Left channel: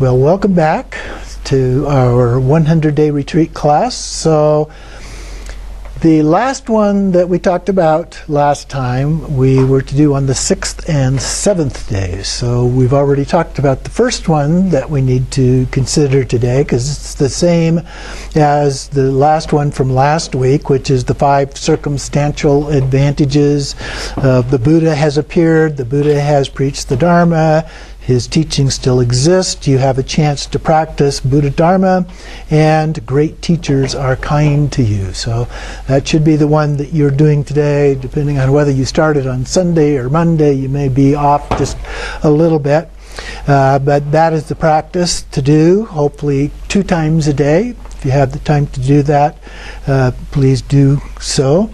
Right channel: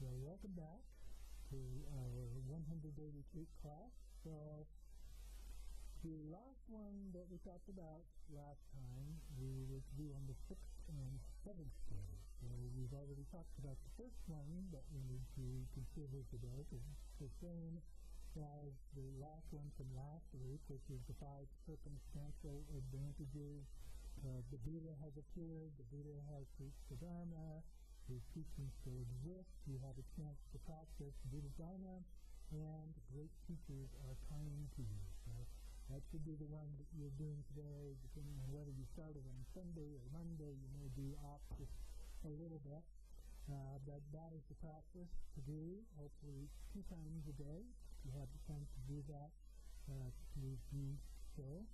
Well, welcome back to our 100-day retreat class. So the last one that we talked about last time, we were to do on the 6th and 7th days. So we've already talked about the first one that we need to consider today, because it's the same as the last one from last week, which is the 5 circumstantial advantages. The Buddha has appeared, the Buddha has preached the Dharma, his teachings still exist, you have a chance to practice Buddha Dharma, and great teachers are kind to you. So that should be the one that you're doing today. Depending on whether you started on Sunday or Monday, you may be off just a little bit. But that is the practice to do, hopefully 2 times a day. If you have the time to do that, please do so.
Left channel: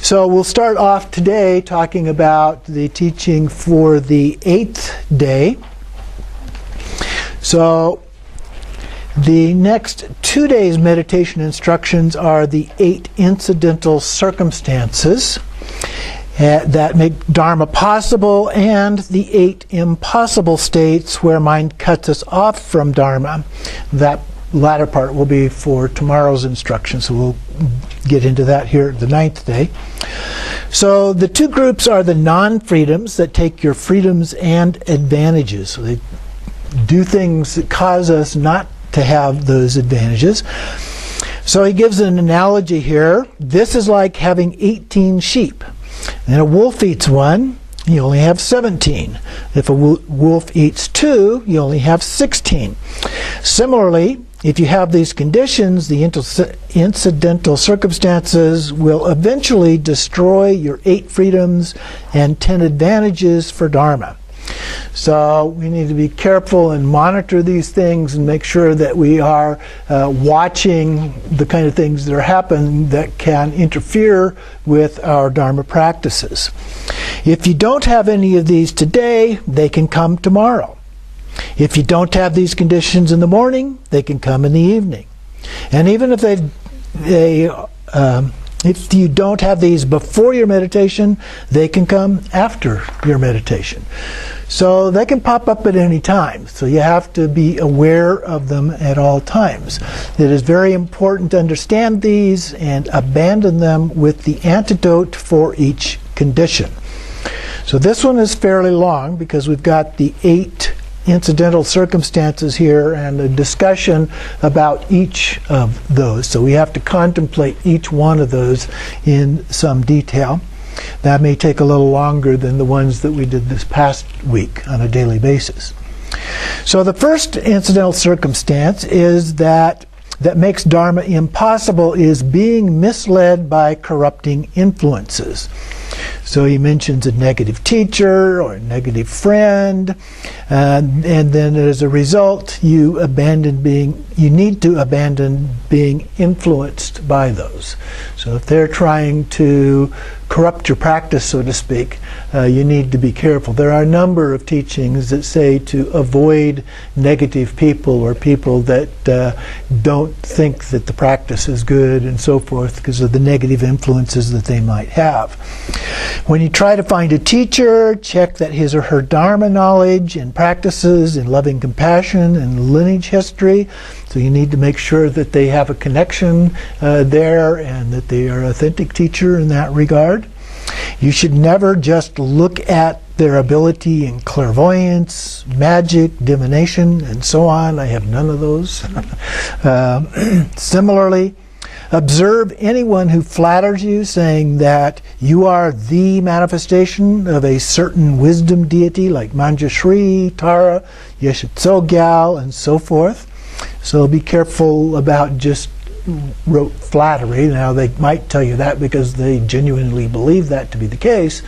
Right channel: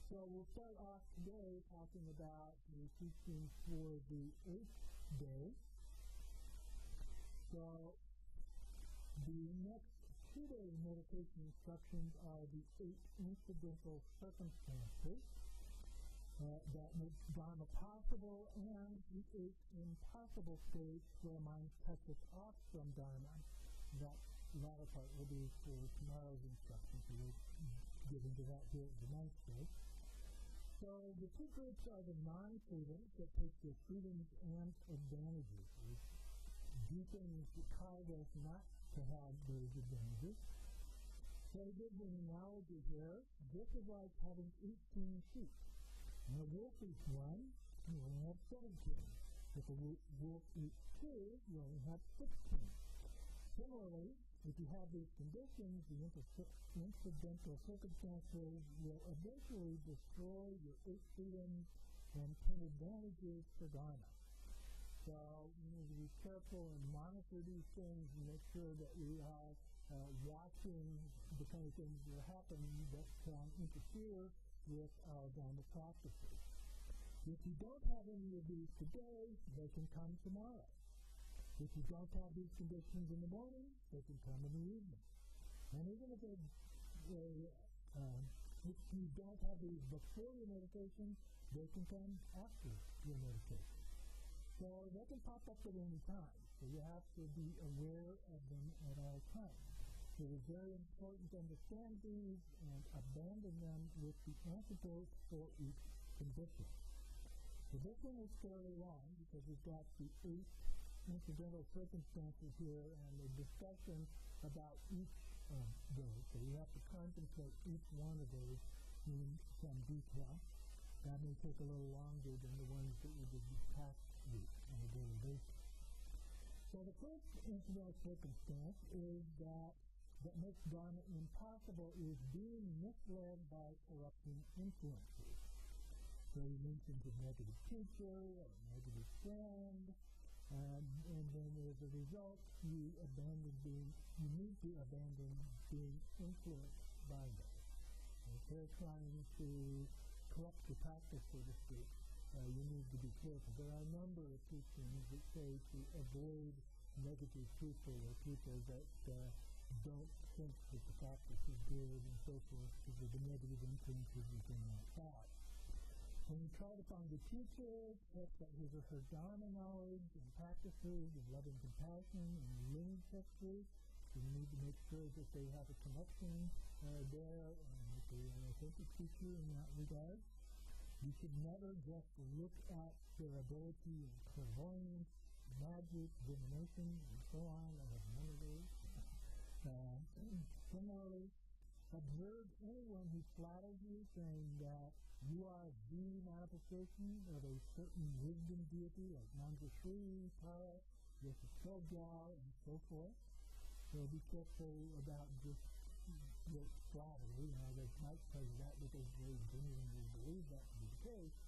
So we'll start off today talking about the teaching for the 8th day. So the next 2 days' meditation instructions are the 8 incidental circumstances that make Dharma possible, and the 8 impossible states where mind cuts us off from Dharma. That latter part will be for tomorrow's instruction, so we'll get into that here the 9th day. So the 2 groups are the non-freedoms that take your freedoms and advantages. So they do things that cause us not to have those advantages. So he gives an analogy here. This is like having 18 sheep. And a wolf eats one, you only have 17. If a wolf eats 2, you only have 16. Similarly, if you have these conditions, the incidental circumstances will eventually destroy your 8 freedoms and 10 advantages for Dharma. So we need to be careful and monitor these things and make sure that we are watching the kind of things that are happening that can interfere with our Dharma practices. If you don't have any of these today, they can come tomorrow. If you don't have these conditions in the morning, they can come in the evening. And even if if you don't have these before your meditation, they can come after your meditation. So they can pop up at any time. So you have to be aware of them at all times. It is very important to understand these and abandon them with the antidote for each condition. So this one is fairly long because we've got the 8 incidental circumstances here and a discussion about each of those. So we have to contemplate each one of those in some detail. That may take a little longer than the ones that we did this past week on a daily basis. So the first incidental circumstance is that makes Dharma impossible is being misled by corrupting influences. So he mentions a negative teacher or a negative friend, and then as a result, you need to abandon being influenced by those. So if they're trying to corrupt your practice, so to speak, you need to be careful. There are a number of teachings that say to avoid negative people or people that don't think that the practice is good and so forth because of the negative influences that they might have. When you try to find a teacher, check that his or her Dharma knowledge and practices in loving compassion and lineage history. So you need to make sure that they have a connection there and that they are an authentic teacher in that regard. You should never just look at their ability in clairvoyance, magic, divination, and so on. I have none of those. Similarly, observe anyone who flatters you, saying that you are the manifestation of a certain wisdom deity like Manjushri, Tara, Yeshe Tsogyal, and so forth. So be careful about just rote flattery. Now they might tell you that because they genuinely believe that to be the case,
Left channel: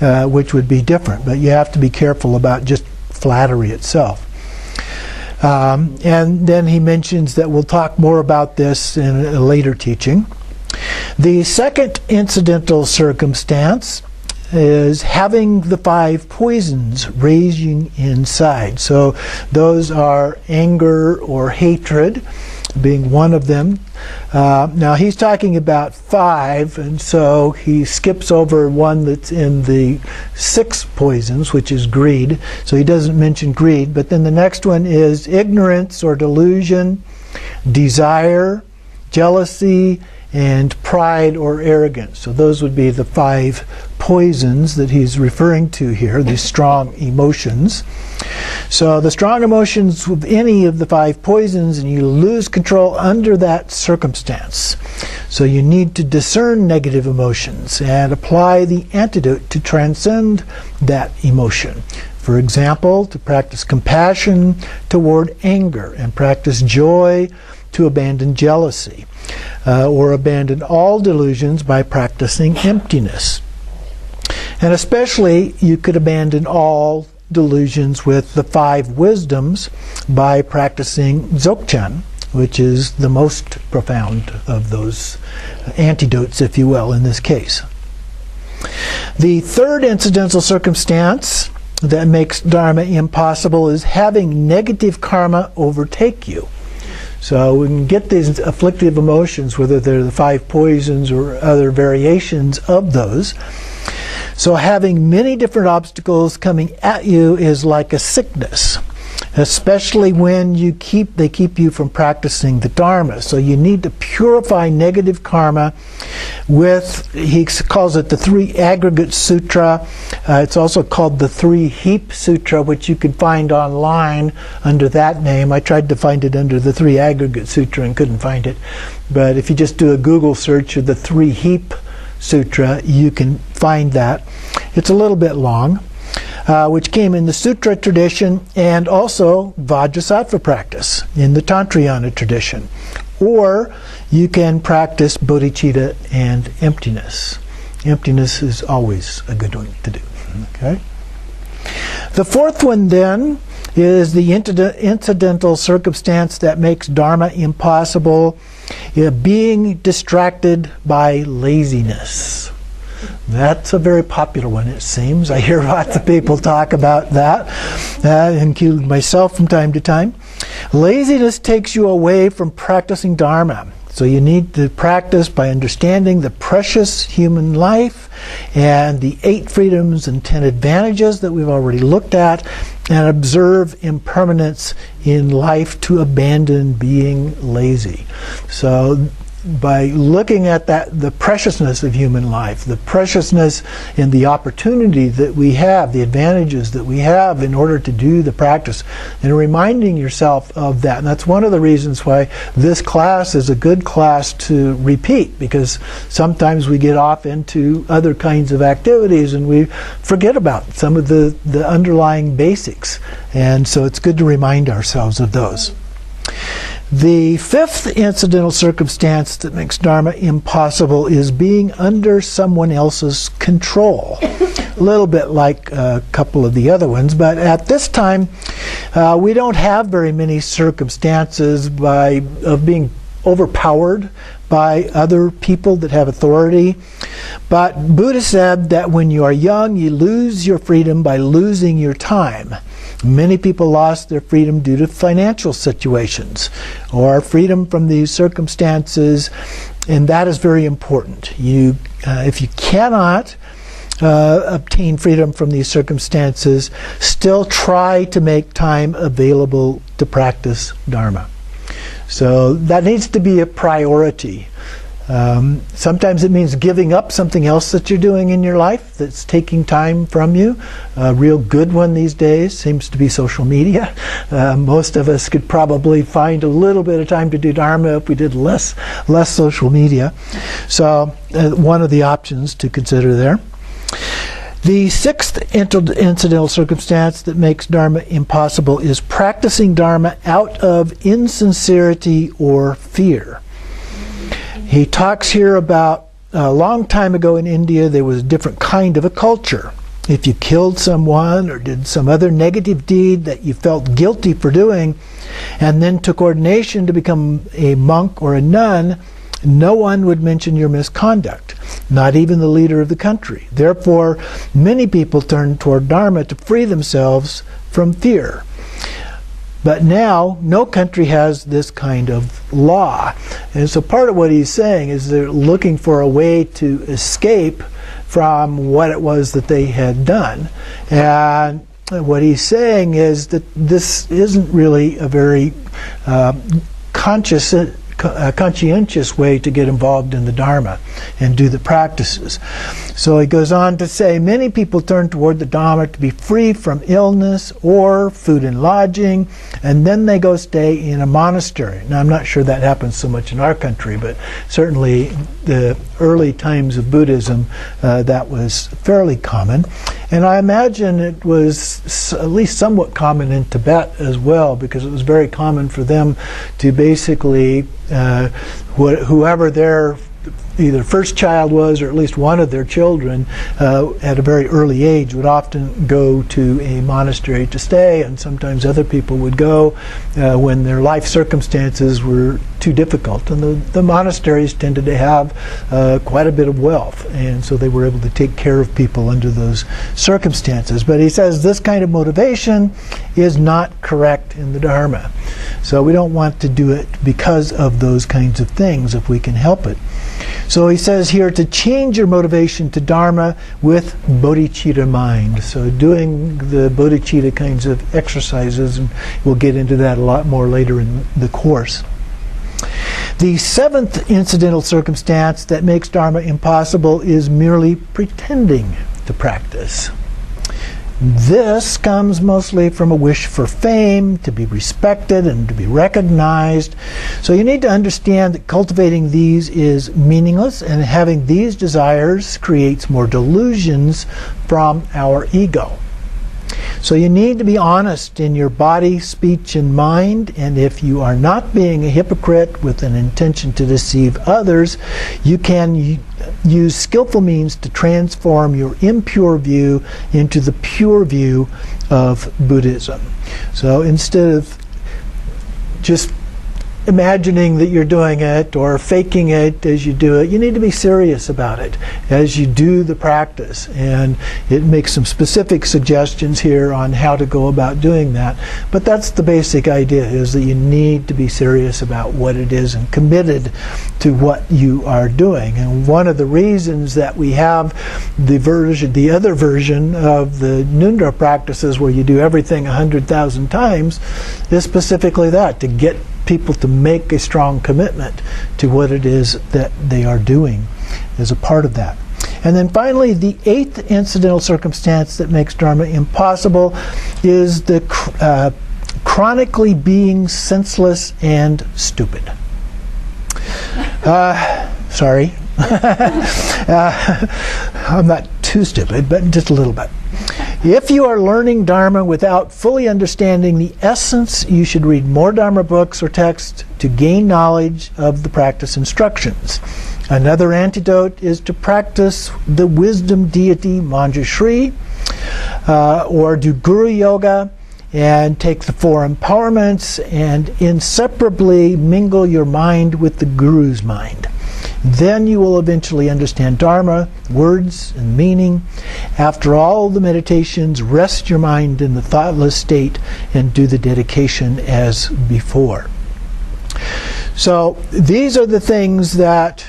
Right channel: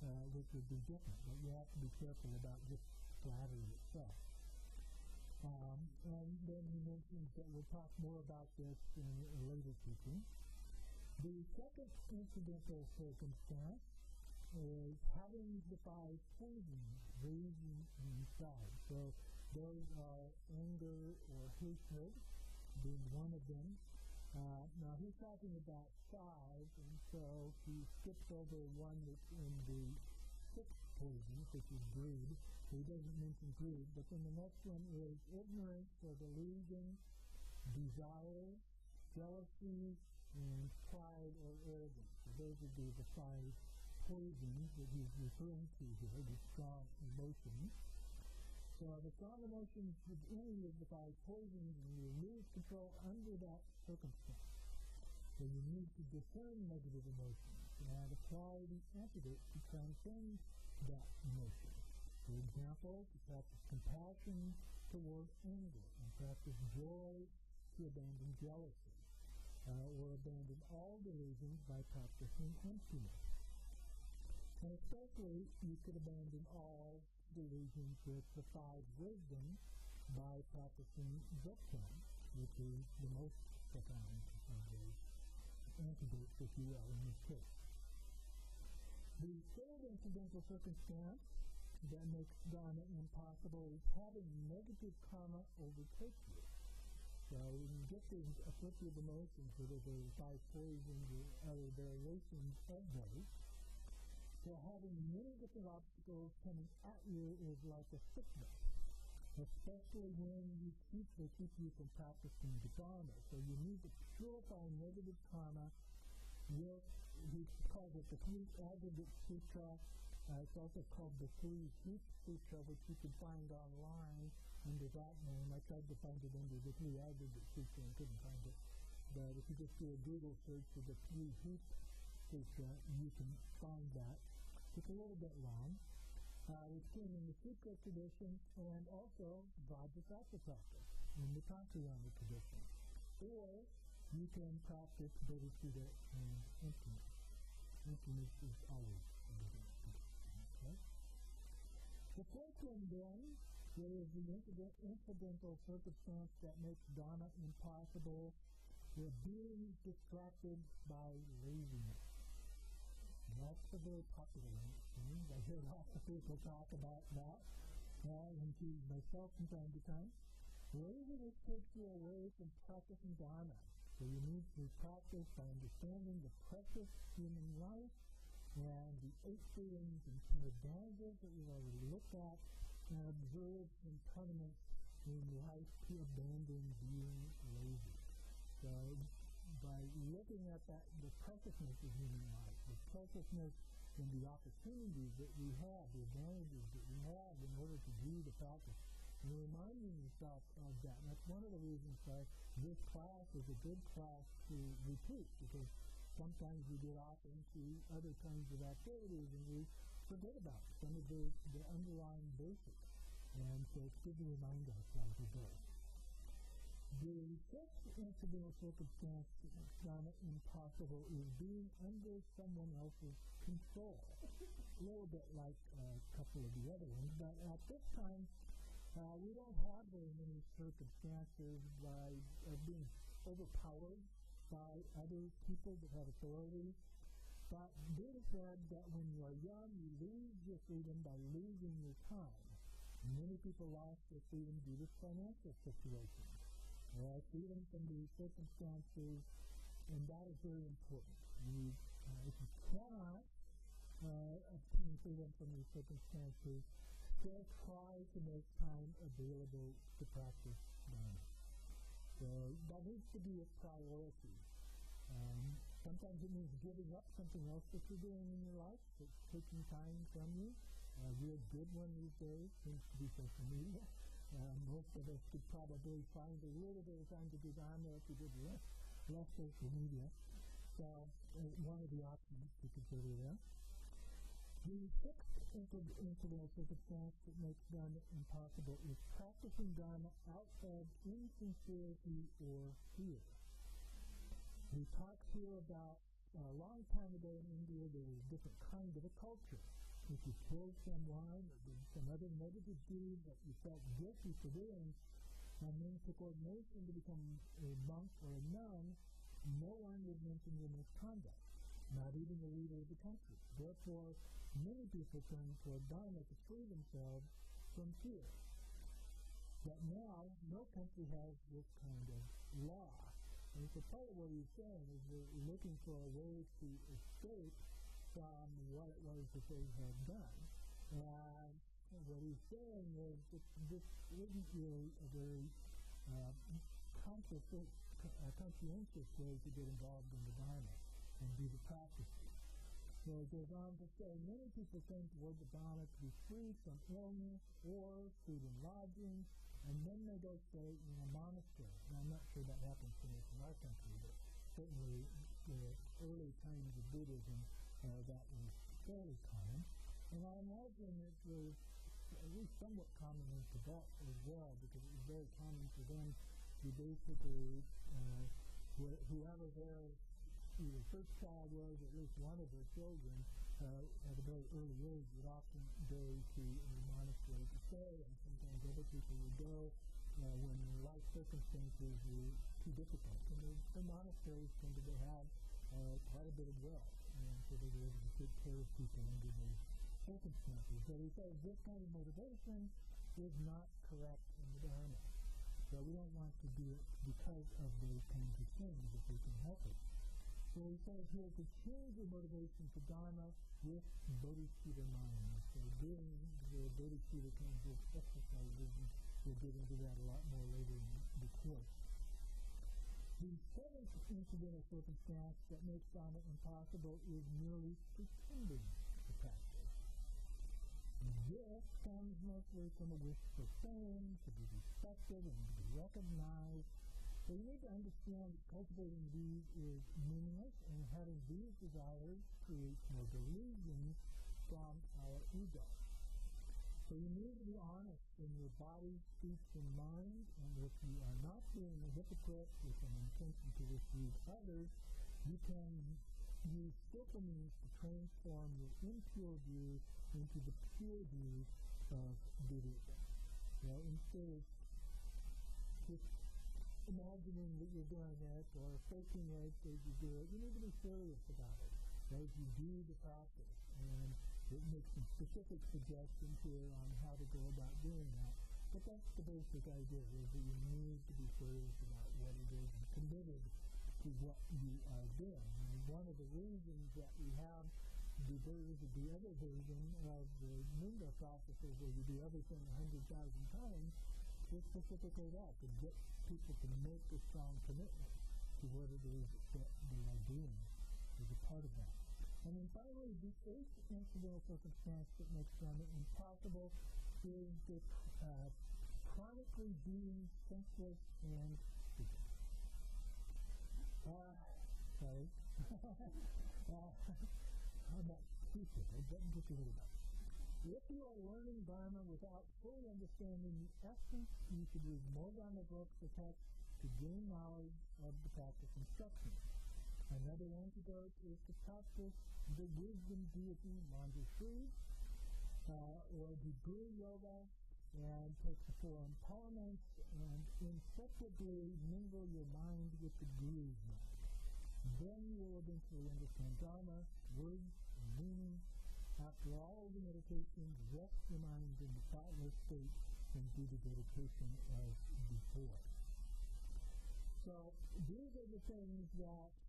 which would be different. But you have to be careful about just flattery itself. And then he mentions that we'll talk more about this in a later teaching. The second incidental circumstance is having the 5 poisons raging inside. So those are anger or hatred. being one of them. Now he's talking about 5, and so he skips over one that's in the 6 poisons, which is greed. So he doesn't mention greed, but then the next one is ignorance or delusion, desire, jealousy, and pride or arrogance. So those would be the 5 poisons that he's referring to here, these strong emotions. So the strong emotions with any of the 5 poisons, and you lose control under that circumstance. So you need to discern negative emotions and apply the antidote to transcend that emotion. For example, to practice compassion toward anger, and practice joy to abandon jealousy, or abandon all delusions by practicing emptiness. And especially, you could abandon all delusions with the 5 wisdoms by practicing Dzogchen, which is the most profound of those antidotes, if you will, in this case. The third incidental circumstance that makes Dharma impossible is having negative karma overtake you. So we can get these afflictive emotions, whether they're the 5 poisons or other variations of those. So having many different obstacles coming at you is like a sickness, especially when they keep you from practicing the Dharma. So you need to purify negative karma with, he calls it the 3 Aggregate Sutra. It's also called the 3 Heap Sutra, which you can find online under that name. I tried to find it under the 3 Aggregate Sutra and couldn't find it. But if you just do a Google search of the 3 Heap Sutra, you can find that. It's a little bit long, which came in the Sutra tradition and also Vajrasattva practice in the Tantrayana tradition. Or you can practice bodhicitta and emptiness. Emptiness is always a good one to do. Okay. The fourth one then is the incidental circumstance that makes Dharma impossible, being distracted by laziness. That's a very popular one, it seems. I hear lots of people talk about that, including myself from time to time. Laziness takes you away from practicing Dharma. So you need to practice by understanding the precious human life and the 8 freedoms and 10 advantages that we've already looked at, and observe impermanence in life to abandon being lazy. So by looking at that, the preciousness of human life, the preciousness in the opportunity that we have, the advantages that we have in order to do the practice, and reminding yourself of that. And that's one of the reasons why this class is a good class to repeat, because sometimes we get off into other kinds of activities and we forget about some of the underlying basics. And so it's good to remind ourselves of those. The fifth incidental circumstance that makes Dharma impossible is being under someone else's control. A little bit like a couple of the other ones, but at this time we don't have very many circumstances of being overpowered by other people that have authority. But Buddha said that when you are young, you lose your freedom by losing your time. Many people lost their freedom due to financial situations or freedom from these circumstances, and that is very important. If you cannot obtain freedom from these circumstances, still try to make time available to practice Dharma. So that needs to be a priority. Sometimes it means giving up something else that you're doing in your life that's taking time from you. A real good one these days seems to be social media. Most of us could probably find a little bit of time to do Dharma if we did less social media. So one of the options to consider there. The sixth incidental circumstance that makes Dharma impossible is practicing Dharma out of insincerity or fear. He talks here about a long time ago in India there was a different kind of a culture. If you killed someone or did some other negative deed that you felt guilty for doing and then took ordination to become a monk or a nun, no one would mention your misconduct, not even the leader of the country. Therefore, many people turned toward Dharma to free themselves from fear. But now, no country has this kind of law. And so part of what he's saying is they're looking for a way to escape from what it was that they had done. And what he's saying is that this isn't really a very conscientious way to get involved in the Dharma and do the practices. So he goes on to say, many people turn toward the Dharma to be free from illness or food and lodging, and then they go stay in a monastery. Now, I'm not sure that happens so much in our country, but certainly the early times of Buddhism, that was fairly common. And I imagine it was at least somewhat common in Tibet as well, because it was very common for them to basically, whoever their either first child was, or at least one of their children, at a very early age, would often go to a monastery to stay, and sometimes other people would go when their life circumstances were too difficult. And the monasteries tended to have quite a bit of wealth, and so they were able to take care of people under those circumstances. But he says this kind of motivation is not correct in the Dharma. So we don't want to do it because of those kinds of things if we can help it. So he says here to change your motivation to Dharma with bodhicitta mind. So doing the bodhicitta kinds of exercises, and we'll get into that a lot more later in the course. The seventh incidental circumstance that makes Dharma impossible is merely pretending to practice. This comes mostly from a wish for fame, to be respected and to be recognized. So you need to understand that cultivating these is meaningless, and having these desires creates more delusions from our ego. So you need to be honest in your body, speech, and mind, and if you are not being a hypocrite with an intention to deceive others, you can use skillful means to transform your impure view into the pure view of Buddhism. So instead of just imagining that you're doing it or faking it as you do it, you need to be serious about it as you do the practice. And it makes some specific suggestions here on how to go about doing that. But that's the basic idea, is that you need to be serious about what it is and committed to what you are doing. And one of the reasons that we have the other version of the Ngondro practices where you do everything 100,000 times is specifically that, to get people to make a strong commitment to what it is that they are doing as a part of that. And then finally, the eighth incidental circumstance that makes Dharma impossible is the chronically being senseless and stupid. Sorry. I'm not too stupid, but just a little bit. If you are learning Dharma without fully understanding the essence, you should read more Dharma books or texts to gain knowledge of the practice instructions. Another antidote is to practice the wisdom deity Manjushri, or do Guru Yoga, and take the four empowerments and inseparably mingle your mind with the Guru's mind. Then you will eventually understand Dharma, words, and meaning. After all the meditations, rest your mind in the thoughtless state and do the dedication as before. So these are the things that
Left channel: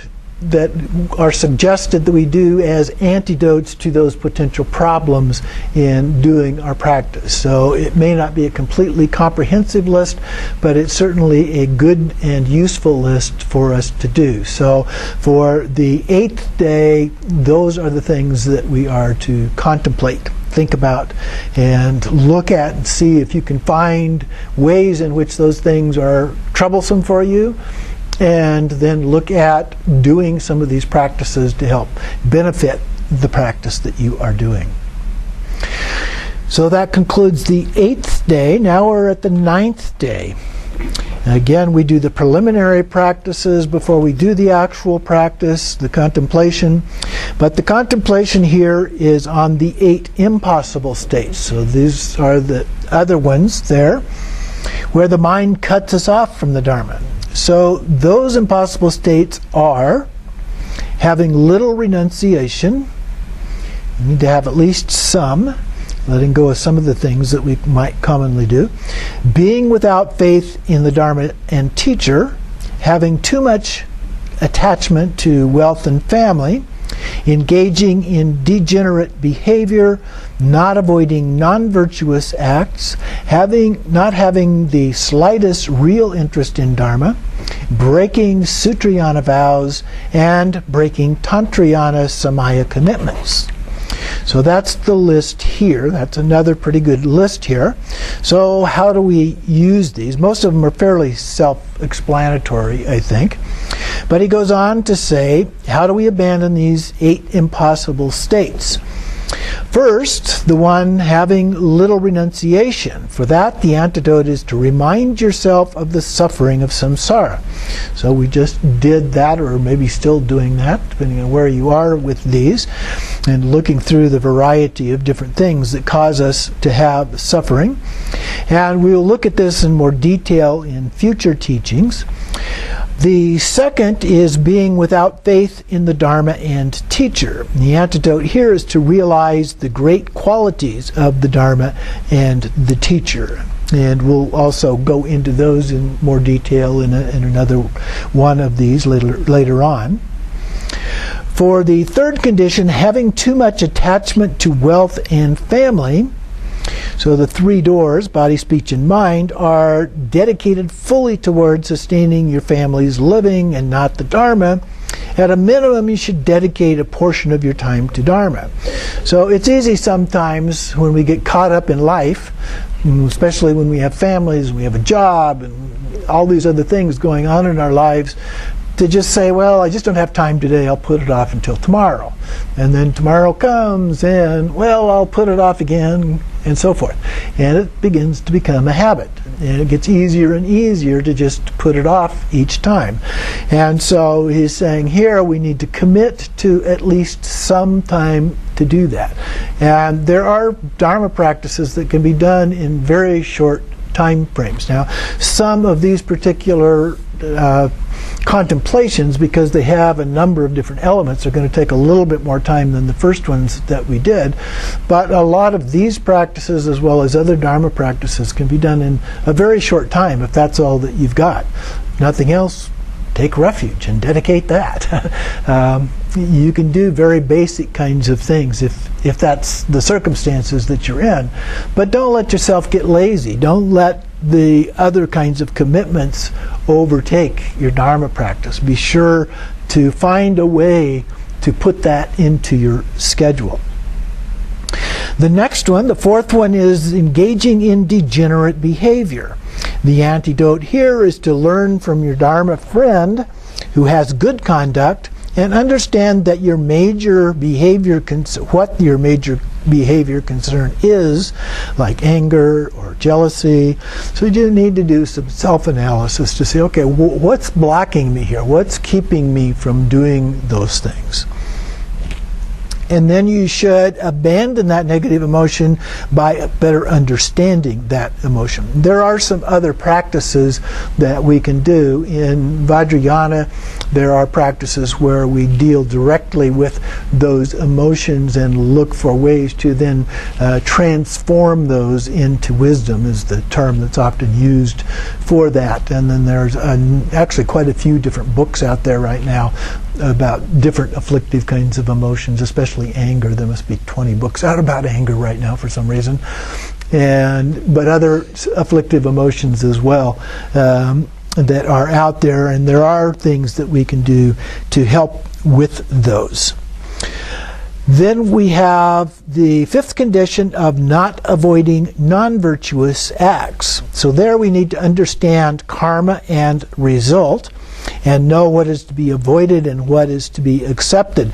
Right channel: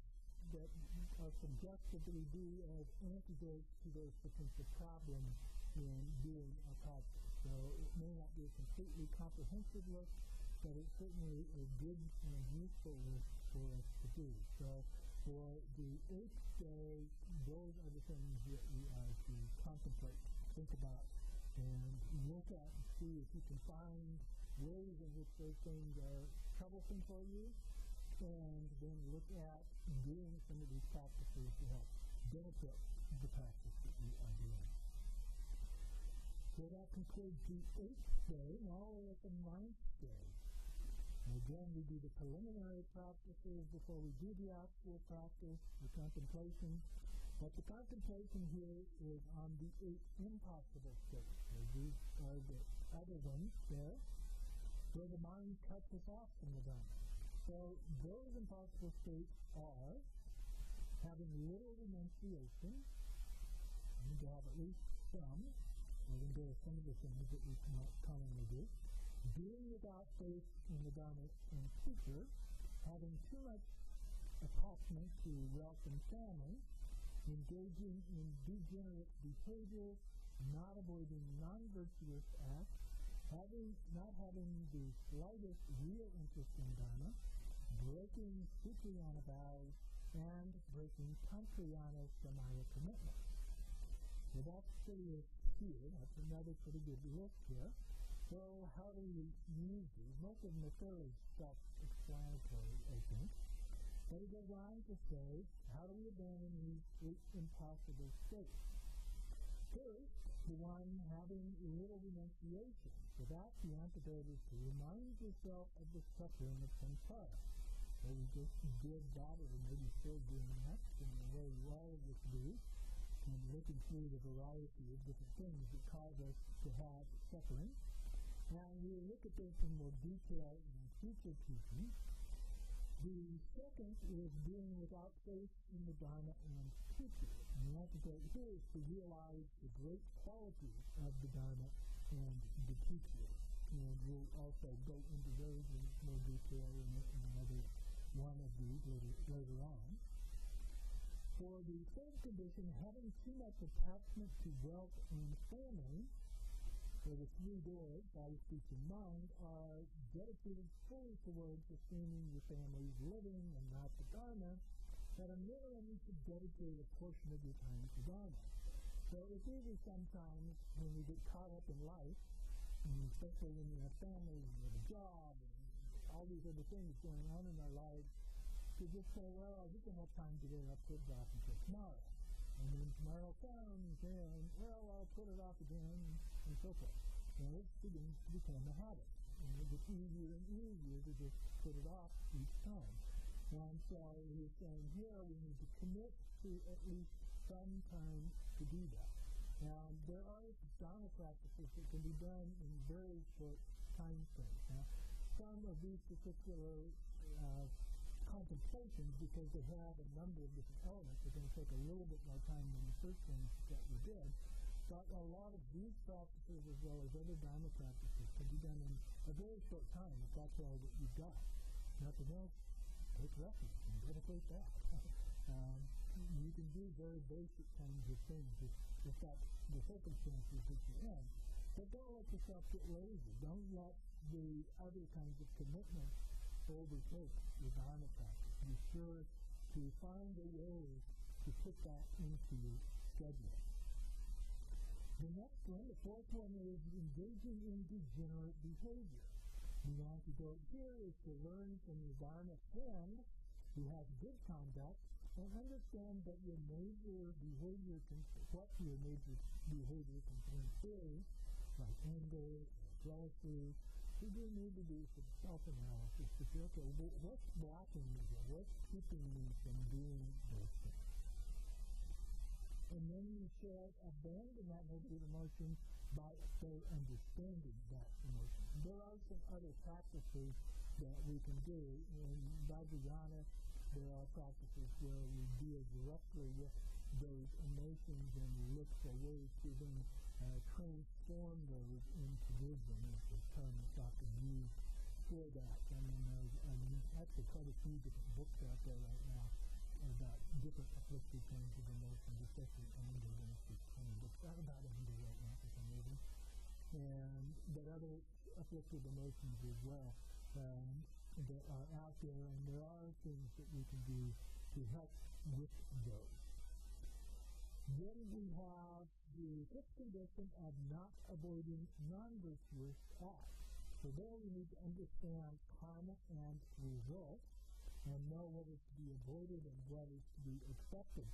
are suggested that we do as antidotes to those potential problems in doing our practice. So it may not be a completely comprehensive list, but it's certainly a good and useful list for us to do. So for the 8th day, those are the things that we are to contemplate, think about, and look at and see if you can find ways in which those things are troublesome for you, and then look at doing some of these practices to help benefit the practice that you are doing. So that concludes the 8th day. Now we're at the 9th day. Again, we do the preliminary practices before we do the actual practice, the contemplation. But the contemplation here is on the 8 impossible states. So these are the other ones there, where the mind cuts us off from the Dharma. So those impossible states are having little renunciation. You need to have at least some. letting go of some of the things that we might commonly do, being without faith in the Dharma and teacher, having too much attachment to wealth and family, engaging in degenerate behavior, not avoiding non-virtuous acts, not having the slightest real interest in Dharma, breaking Sutrayana vows, and breaking Tantrayana Samaya commitments. So that's the list here. That's another pretty good list here. So how do we use these? Most of them are fairly self-explanatory, I think. But he goes on to say, how do we abandon these 8 impossible states? First, the one having little renunciation. For that, the antidote is to remind yourself of the suffering of samsara. So we just did that, or maybe still doing that, depending on where you are with these, and looking through the variety of different things that cause us to have suffering. And we'll look at this in more detail in future teachings. The second is being without faith in the Dharma and teacher. The antidote here is to realize the great qualities of the Dharma and the teacher. And we'll also go into those in more detail in another one of these later on. For the third condition, having too much attachment to wealth and family. So the 3 doors, body, speech, and mind, are dedicated fully towards sustaining your family's living and not the Dharma. At a minimum, you should dedicate a portion of your time to Dharma. So it's easy sometimes when we get caught up in life, especially when we have families, we have a job, and all these other things going on in our lives, to just say, well, I just don't have time today, I'll put it off until tomorrow. And then tomorrow comes, and, well, I'll put it off again, and so forth. And it begins to become a habit. And it gets easier and easier to just put it off each time. And so he's saying here we need to commit to at least some time to do that. And there are Dharma practices that can be done in very short time frames. Now, some of these particular contemplations, because they have a number of different elements, are going to take a little bit more time than the first ones that we did. But a lot of these practices, as well as other Dharma practices, can be done in a very short time if that's all that you've got. Nothing else, take refuge and dedicate that. You can do very basic kinds of things if that's the circumstances that you're in. But don't let yourself get lazy. Don't let the other kinds of commitments overtake your Dharma practice. Be sure to find a way to put that into your schedule. The next one, the fourth one, is engaging in degenerate behavior. The antidote here is to learn from your Dharma friend who has good conduct and understand that your major behavior what your major behavior concern is, like anger or jealousy. So you need to do some self-analysis to say, okay, what's blocking me here? What's keeping me from doing those things? And then you should abandon that negative emotion by better understanding that emotion. There are some other practices that we can do. In Vajrayana, there are practices where we deal directly with those emotions and look for ways to then transform those into wisdom, is the term that's often used for that. And then there's actually quite a few different books out there right now about different afflictive kinds of emotions, especially anger. There must be 20 books out about anger right now for some reason. But other afflictive emotions as well that are out there, and there are things that we can do to help with those. Then we have the fifth condition of not avoiding non-virtuous acts. So there we need to understand karma and result, and know what is to be avoided and what is to be accepted.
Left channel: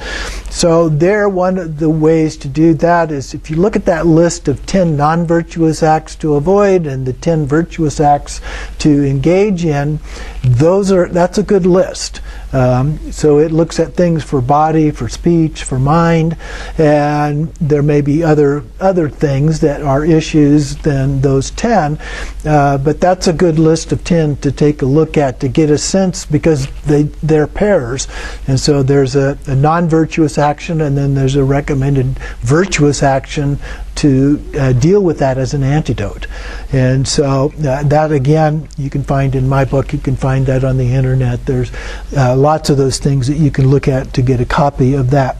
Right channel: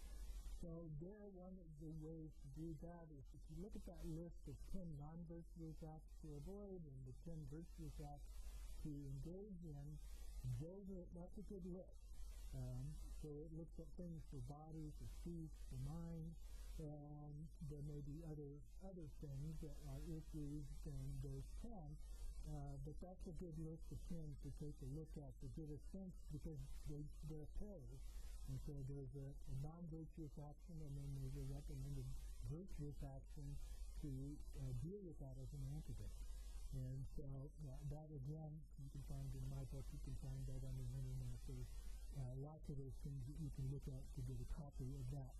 So there, one of the ways to do that is if you look at that list of 10 non-virtuous acts to avoid and the 10 virtuous acts to engage in, that's a good list. So it looks at things for body, for speech, for mind, and there may be other things that are issues than those 10, but that's a good list of 10 to take a look at to get a sense, because they're pairs. And so there's a non-virtuous action, and then there's a recommended virtuous action to deal with that as an antidote. And so that, again, you can find in my book. You can find that on the internet. There's lots of those things that you can look at to get a copy of that.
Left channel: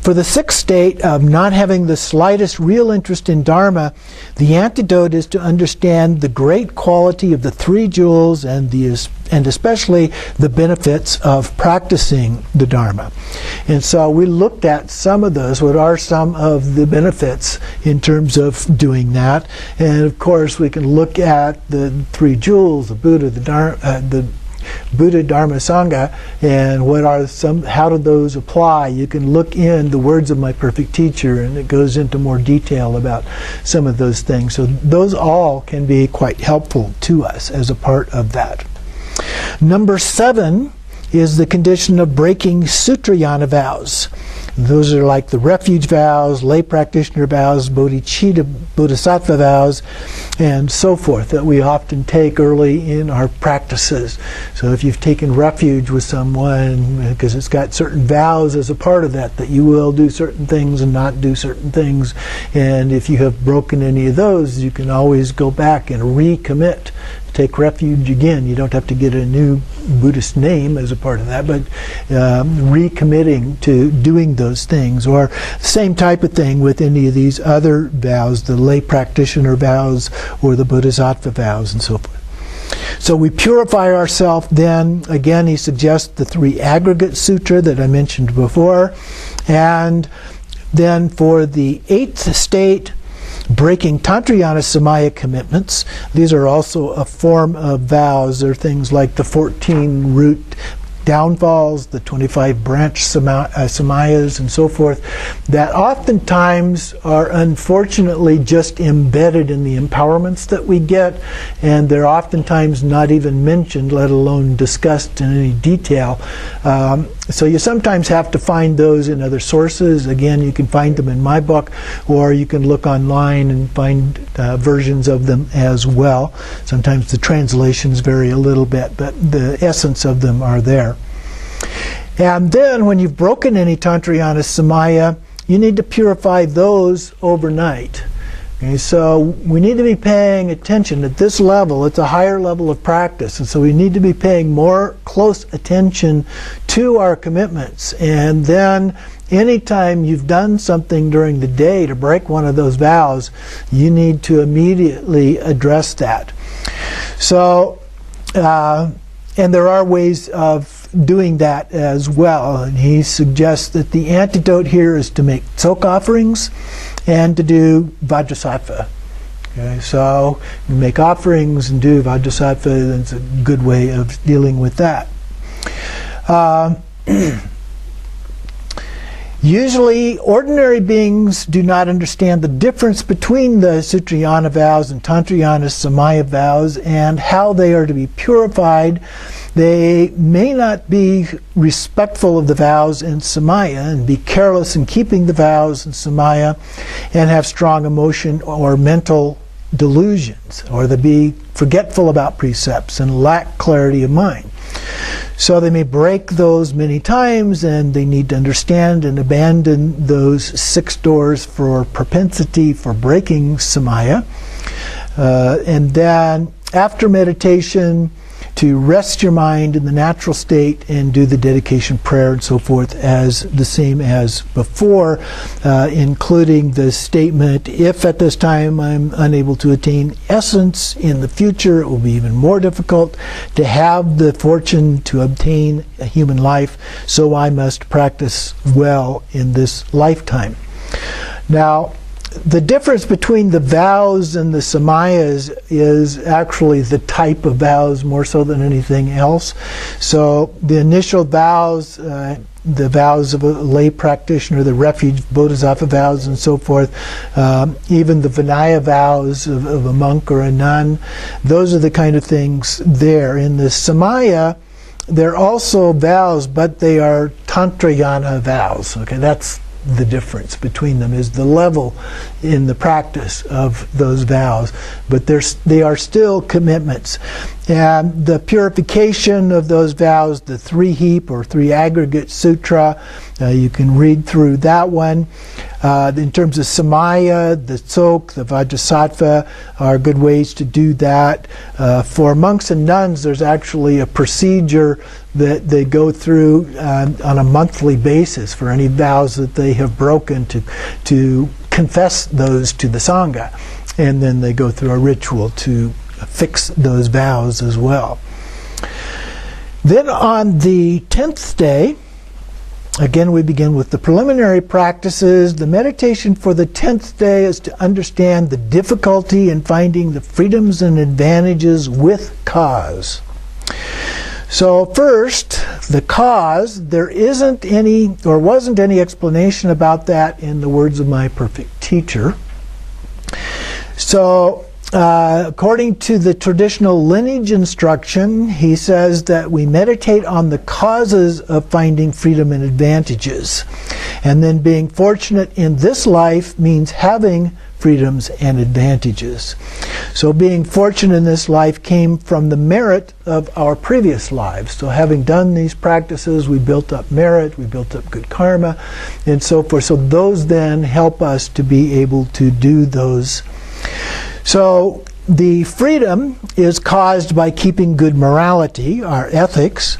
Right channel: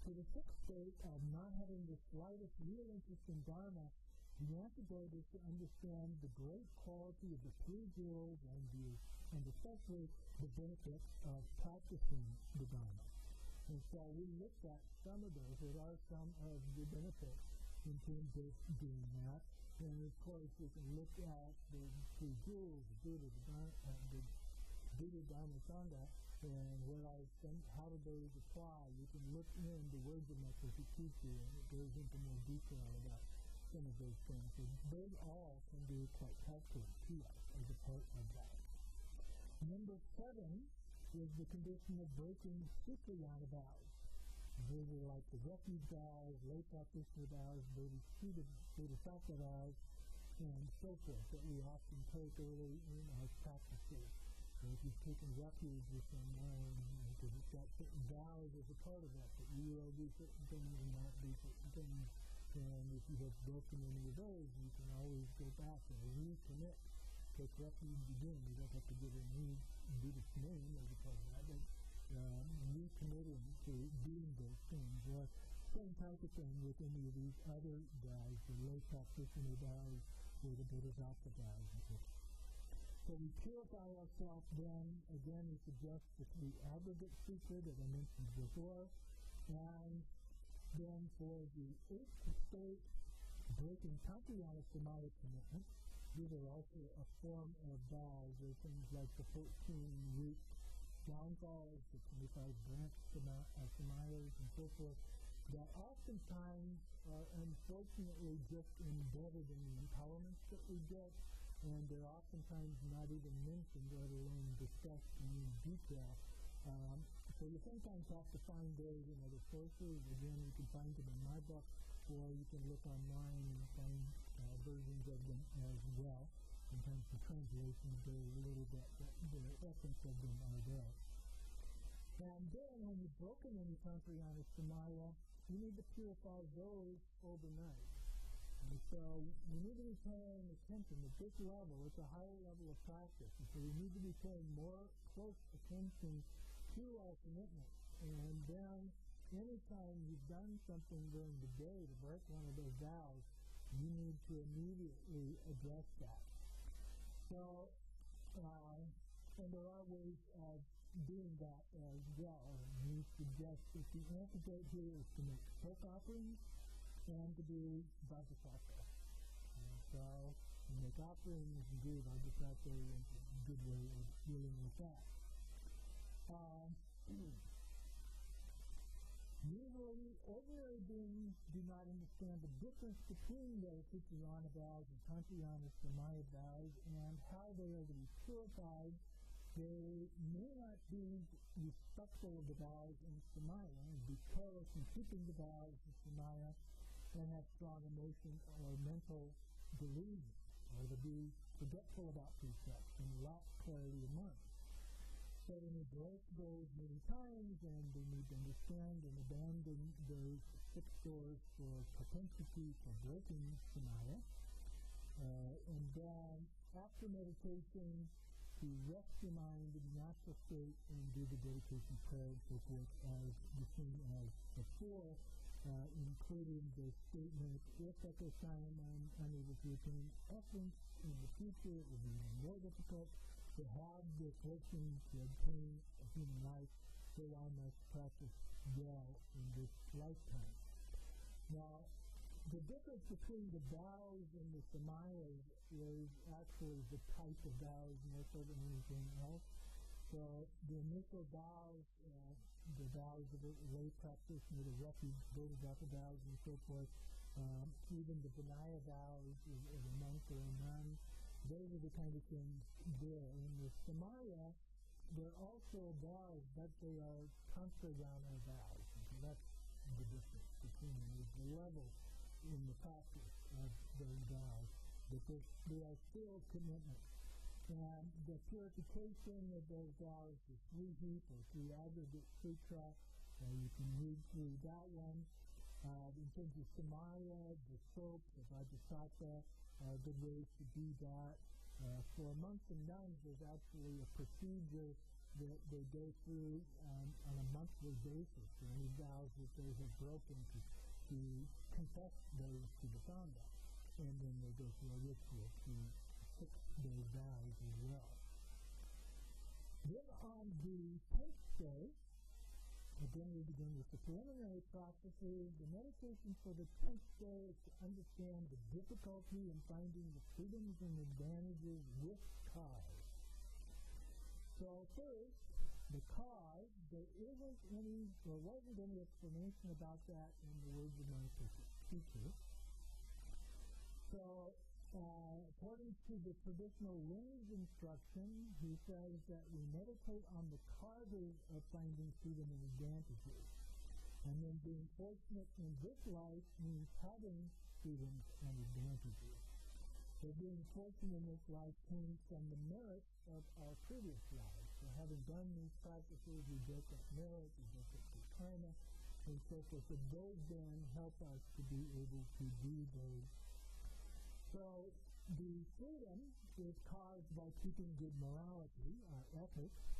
For the sixth state of not having the slightest real interest in Dharma, the antidote is to understand the great quality of the 3 jewels and especially the benefits of practicing the Dharma. And so we looked at some of those. What are some of the benefits in terms of doing that? And of course, we can look at the 3 jewels, the Buddha, the Buddha, Dharma, Sangha, and how do those apply? You can look in the words of my perfect teacher, and it goes into more detail about some of those things. So those all can be quite helpful to us as a part of that. Number 7 is the condition of breaking Sutrayana vows. Those are like the refuge vows, lay practitioner vows, bodhicitta, bodhisattva vows, and so forth, that we often take early in our practices. So if you've taken refuge with someone, because it's got certain vows as a part of that you will do certain things and not do certain things, and if you have broken any of those, you can always go back and recommit. Take refuge again. You don't have to get a new Buddhist name as a part of that, but recommitting to doing those things. Or same type of thing with any of these other vows, the lay practitioner vows or the bodhisattva vows and so forth. So we purify ourselves then. Again, he suggests the 3 aggregate sutra that I mentioned before. And then for the 8th state, breaking Tantrayana Samaya commitments. These are also a form of vows. They're things like the 14 root downfalls, the 25 branch samayas, and so forth, that oftentimes are unfortunately just embedded in the empowerments that we get, and they're oftentimes not even mentioned, let alone discussed in any detail. So you sometimes have to find those in other sources. Again, you can find them in my book, or you can look online and find versions of them as well. Sometimes the translations vary a little bit, but the essence of them are there. And then when you've broken any Tantrayana Samaya, you need to purify those overnight. Okay, so we need to be paying attention at this level. It's a higher level of practice, and so we need to be paying more close attention to our commitments. And then anytime you've done something during the day to break one of those vows, you need to immediately address that. So, and there are ways of doing that as well. And he suggests that the antidote here is to make tzok offerings and to do Vajrasattva. Okay, so you make offerings and do Vajrasattva. That's a good way of dealing with that. Usually, ordinary beings do not understand the difference between the Sutrayana vows and Tantrayana Samaya vows and how they are to be purified. They may not be respectful of the vows in Samaya and be careless in keeping the vows in Samaya and have strong emotion or mental delusions, or they be forgetful about precepts and lack clarity of mind. So they may break those many times, and they need to understand and abandon those 6 doors for propensity for breaking Samaya. And then after meditation, to rest your mind in the natural state and do the dedication prayer and so forth as the same as before, including the statement, if at this time I'm unable to attain essence, in the future it will be even more difficult to have the fortune to obtain a human life, so I must practice well in this lifetime. Now, the difference between the vows and the samayas is actually the type of vows more so than anything else. So the initial vows, the vows of a lay practitioner, the refuge bodhisattva vows and so forth, even the Vinaya vows of a monk or a nun, those are the kind of things there. In the samaya, they're also vows, but they are Tantrayana vows. Okay, that's the difference between them, is the level in the practice of those vows, but they are still commitments. And the purification of those vows, the three-heap or three-aggregate sutra, you can read through that one. In terms of samaya, the tsok, the vajrasattva are good ways to do that. For monks and nuns, there's actually a procedure that they go through on a monthly basis for any vows that they have broken to confess those to the Sangha. And then they go through a ritual to fix those vows as well. Then on the 10th day, again we begin with the preliminary practices. The meditation for the 10th day is to understand the difficulty in finding the freedoms and advantages with cause. So first, the cause, there isn't any or wasn't any explanation about that in the words of my perfect teacher. So according to the traditional lineage instruction, he says that we meditate on the causes of finding freedom and advantages. And then being fortunate in this life means having freedoms and advantages. So being fortunate in this life came from the merit of our previous lives. So having done these practices, we built up merit, we built up good karma, and so forth. So those then help us to be able to do those. So the freedom is caused by keeping good morality, our ethics.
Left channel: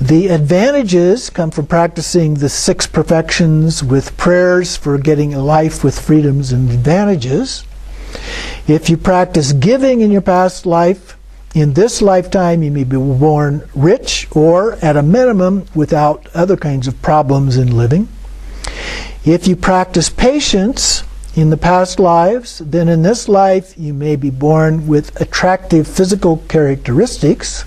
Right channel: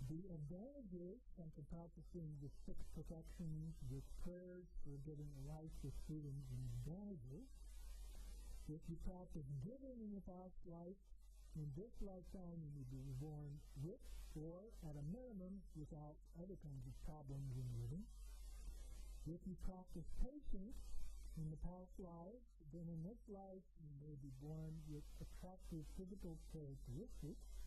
The advantages come from practicing the 6 perfections with prayers for getting a life with freedoms and advantages. If you practice giving in your past life, in this lifetime you may be born rich or, at a minimum, without other kinds of problems in living. If you practice patience in the past lives, then in this life you may be born with attractive physical characteristics.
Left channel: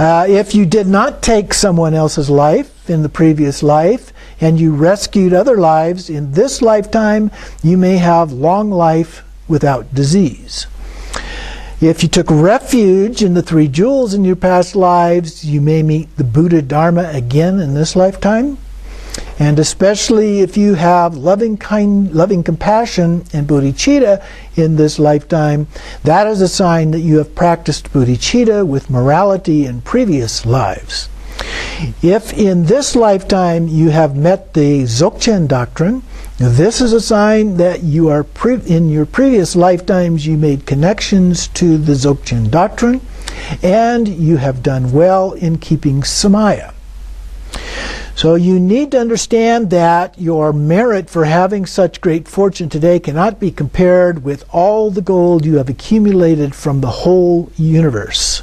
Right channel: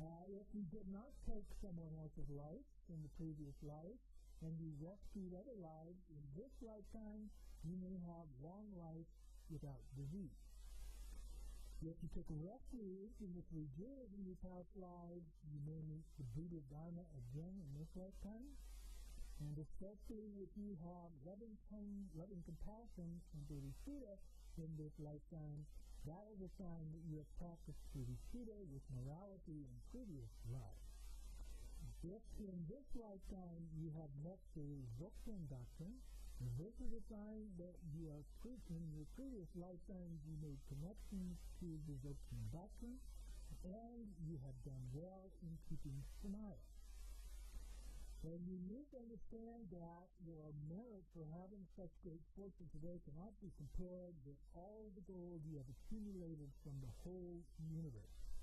If you did not take someone else's life in the previous life and you rescued other lives, in this lifetime you may have long life without disease. If you took refuge in the 3 jewels in your past lives, you may meet the Buddha Dharma again in this lifetime. And especially if you have loving compassion and bodhicitta in this lifetime, that is a sign that you have practiced bodhicitta with morality in previous lives. If in this lifetime you have met the Dzogchen doctrine, this is a sign that you are in your previous lifetimes you made connections to the Dzogchen doctrine, and you have done well in keeping samaya. So you need to understand that your merit for having such great fortune today cannot be compared with all the gold you have accumulated from the whole universe.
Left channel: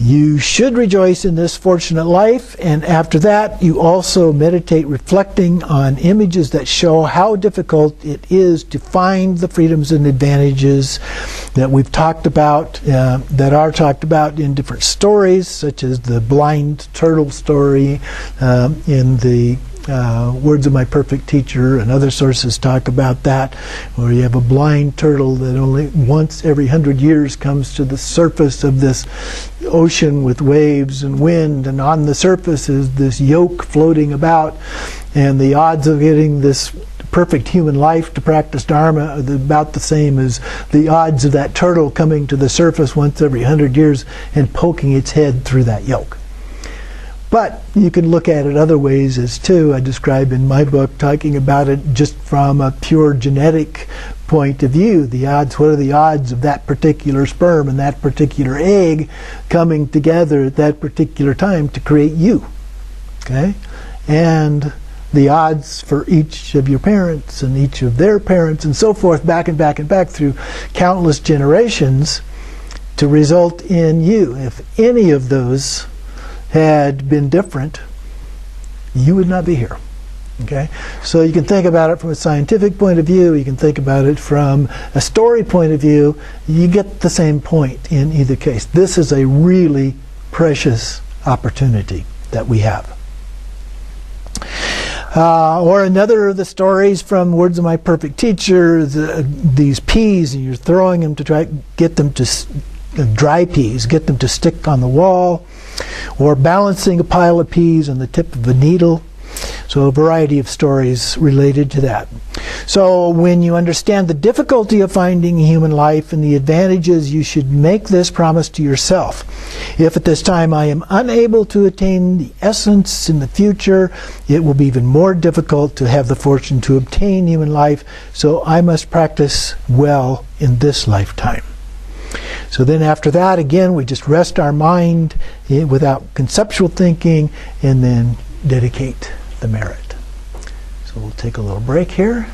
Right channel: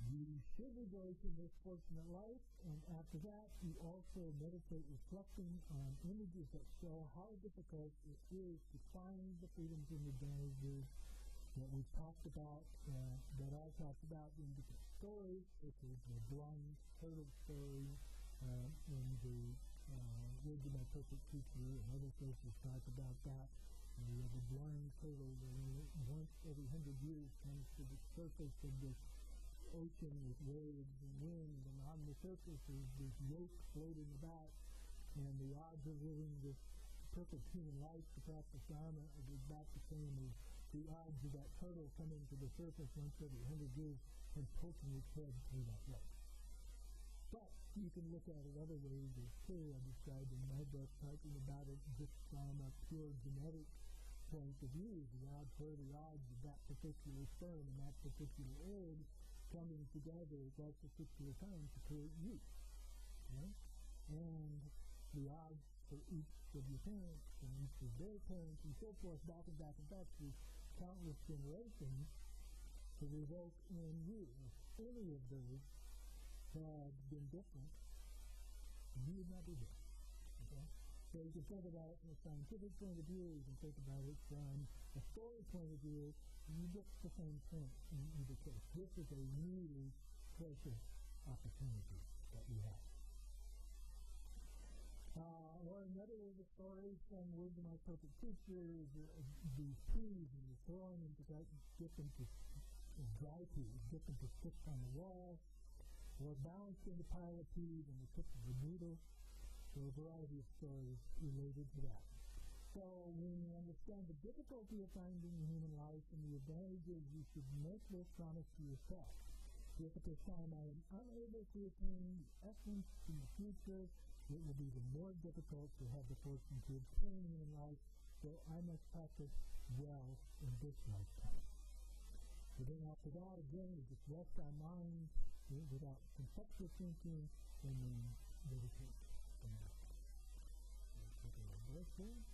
You should rejoice in this fortunate life, and after that you also meditate reflecting on images that show how difficult it is to find the freedoms and advantages that we've talked about, that are talked about in different stories, such as the blind turtle story in the Words of My Perfect Teacher, and other sources talk about that, where you have a blind turtle that only once every 100 years comes to the surface of this ocean with waves and wind, and on the surface is this yolk floating about, and the odds of getting this perfect human life to practice Dharma are about the same as the odds of that turtle coming to the surface once every 100 years and poking its head through that yolk. But you can look at it other ways as too. I describe in my book, talking about it just from a pure genetic point of view. The odds, what are the odds of that particular sperm and that particular egg coming together at that particular time to create you? Okay? And the odds for each of your parents and each of their parents and so forth, back and back and back through countless generations to result in you. If any of those had been different, you would not be here. Okay? So you can think about it from a scientific point of view, you can think about it from a story point of view, you get the same point in either case. This is a really precious opportunity that we have. Or another of the stories from Words of My Perfect Teacher, these peas, and you're throwing them to try to get them to, dry peas, get them to stick on the wall, or balancing a pile of peas on the tip of a needle. So a variety of stories related to that. So when you understand the difficulty of finding human life and the advantages, you should make this promise to yourself. If at this time I am unable to attain the essence in the future, it will be even more difficult to have the fortune to obtain human life, so I must practice well in this lifetime. So then after that, again, we just rest our mind without conceptual thinking and then dedicate the merit. So we'll take a little break here.